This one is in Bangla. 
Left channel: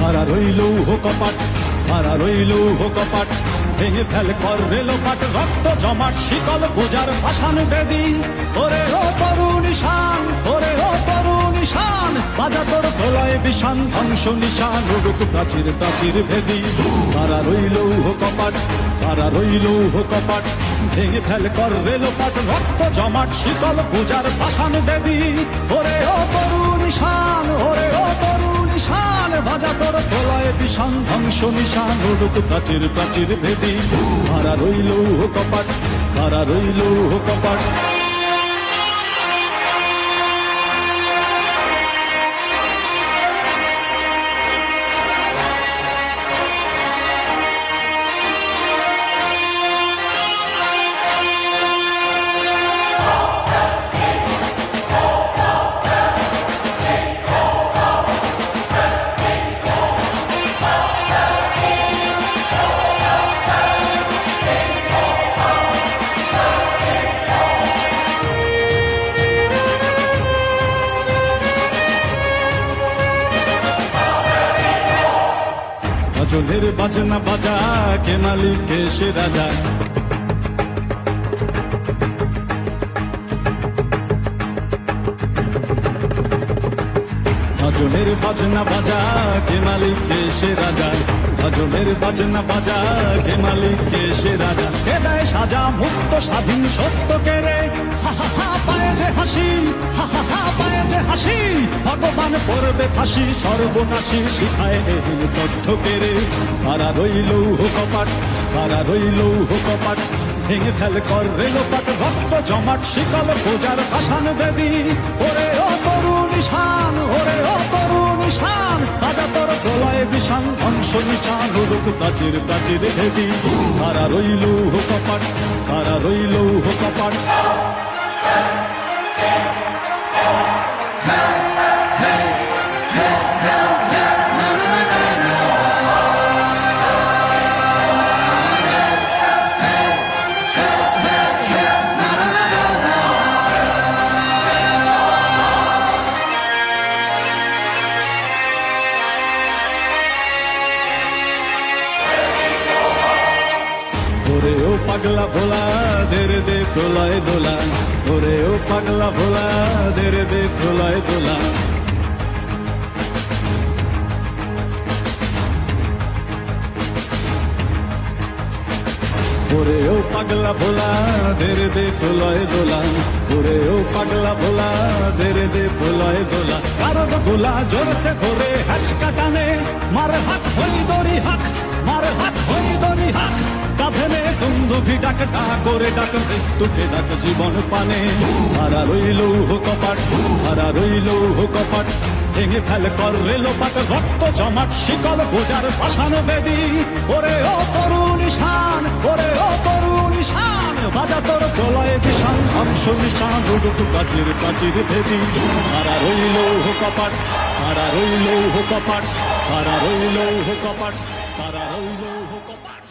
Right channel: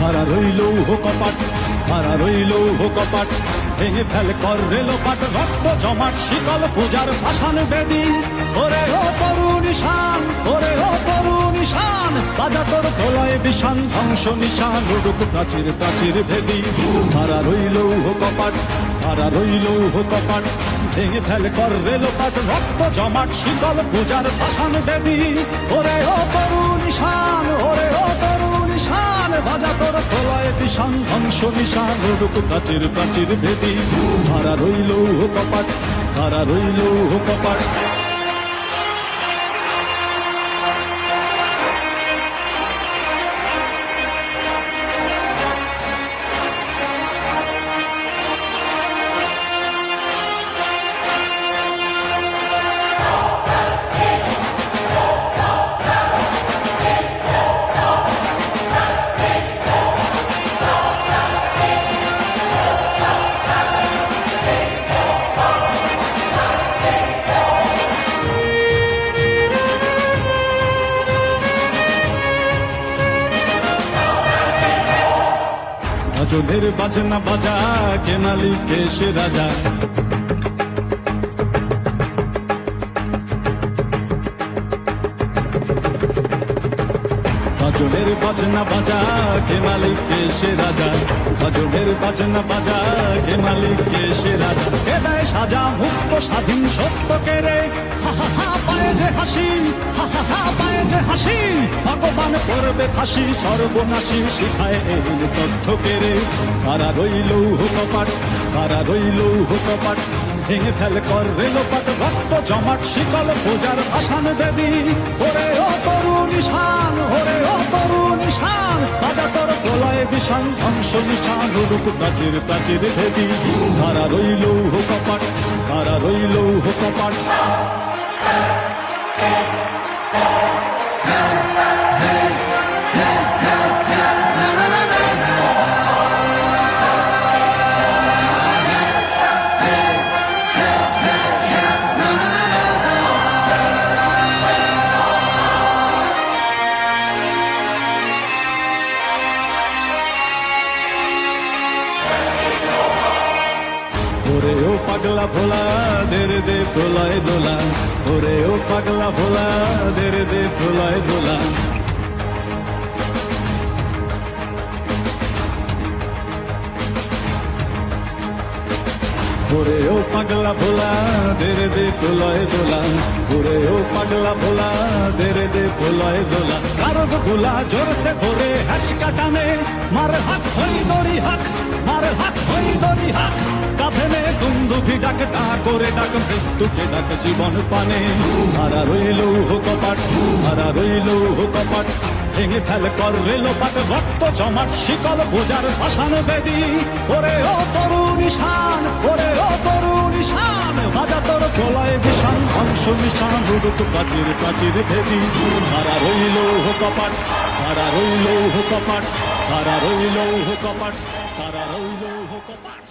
খাড়া রইল কপাট, খাড়া রইল কপাট, ভেঙে ফেল কর রেলোপাট, রক্ত জমাট শিকল পূজার পাষাণ বেদী। ওরে ও তরুণ ঈশান, ওরে ও তরুণ ঈশান, বাজা তোর প্রলয় বিষান, ধ্বংস নিশান উড়ুক প্রাচীর প্রাচীর ভেদী। খাড়া রইল কপাট, খাড়া রইল কপাট, ভেঙে ফেল কর রেলোপাট, রক্ত জমাট শিকল পূজার পাষাণ বেদী। ওরে ও তরুণ ঈশান, ওরে ও তরুণ ঈশান, বাজা তোর প্রলয় বিষান, ধ্বংস নিশান উড়ুক প্রাচীর প্রাচীর ভেদী। খাড়া রইল কপাট, খাড়া রইল কপাট। গজলের বাজনা বাজা, কে মালিক কে সে রাজা। গজলের বাজনা বাজা, কে মালিক কে সে রাজা। গজলের বাজনা বাজা, কে মালিক কে সে রাজা। কে দেয় সাজা মুক্ত স্বাধীন সত্য কে রে, হা হা হা পায়ে যে হাসি, হা হা হা পায়ে যে হাসি। ভগবান পড়বে ফাঁসি, সর্বনাশী শিখায় এহীন তথ্য কে রে। কারা রইল কপাট, কারা রইল কপাট, ভেঙে ফেল কর রেলোপাট, রক্ত জমাট শিকল পূজার পাষাণ বেদী। ওরে ও তরুণ ঈশান, ওরে ও তরুণ ঈশান, বাজা তোর প্রলয় বিষান, ধ্বংস নিশান উড়ুক প্রাচীর প্রাচীর ভেদী। কারা রইল কপাট, কারা রইল কপাট। ওরে ও পাগলা ভোলা, দের দে প্রলয় দোলা। ওরে ও পাগলা ভোলা, দের দে প্রলয় দোলা। ওরে ও পাগলা ভোলা, দের দে প্রলয় দোলা। ওরে ও পাগলা ভোলা, দের দে প্রলয় দোলা। কারদ গোলা জোরসে ধরে হ্যাচকা টানে, মার হাত হই দড়ি হাক, মার হাত হই দড়ি হাক। কাঁধে নে দুন্দুভি ডাক, ডাক করে ডাক মৃত্যুকে ডাক জীবন পানে। হারা রইল কপাট, হারা রইল কপাট, ভেঙে ফেল কর রেলোপাট, রক্ত জমাট শিকল পূজার পাষাণ বেদী। ওরে ও তরুণ ঈশান, ওরে ও তরুণ ঈশান, বাজা তোর প্রলয় বিষান, ধ্বংস নিশান উড়ুক প্রাচীর প্রাচীর ভেদী। হারা রইল কপাট, হারা রইল কপাট, হারা রইল কপাট, হারা রইল কপাট।